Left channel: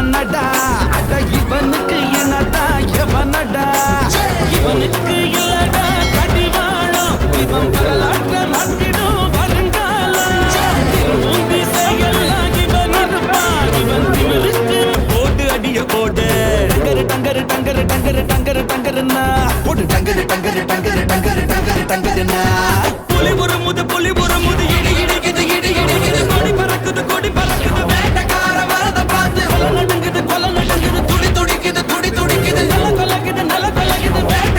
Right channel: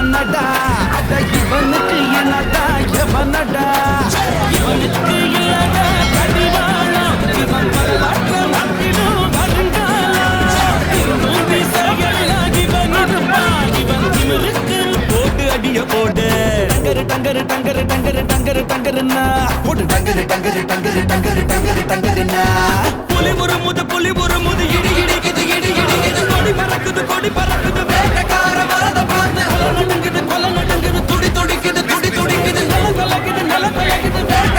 இவனடா அட இவனுக்கு இனடா எவனடா இவனுக்கு இல்லடா கடிவாளம் இவன் வரலாற்ற மாத்திடும் வருங்காலம் திரும்பும் திசையெல்லாம் இவன் இருப்பான் இவன் திமிருக்கு போட்டு அடிய போடு டங்கரு டங்கரு டங்கரு டங்கரு டங்கரு டங்கருன்னா போடு டங்கரு டங்கரு டங்கரு டங்கரு டங்கரு டங்கருன்னா புலி ஒரு முது இடி இடிக்குது இடி இடிக்குது கொடி பறக்குது வேட்டக்கார வரத பார்த்து கொலை நடுங்குது துடி துடிக்குது நில கலக்குது வேட்ட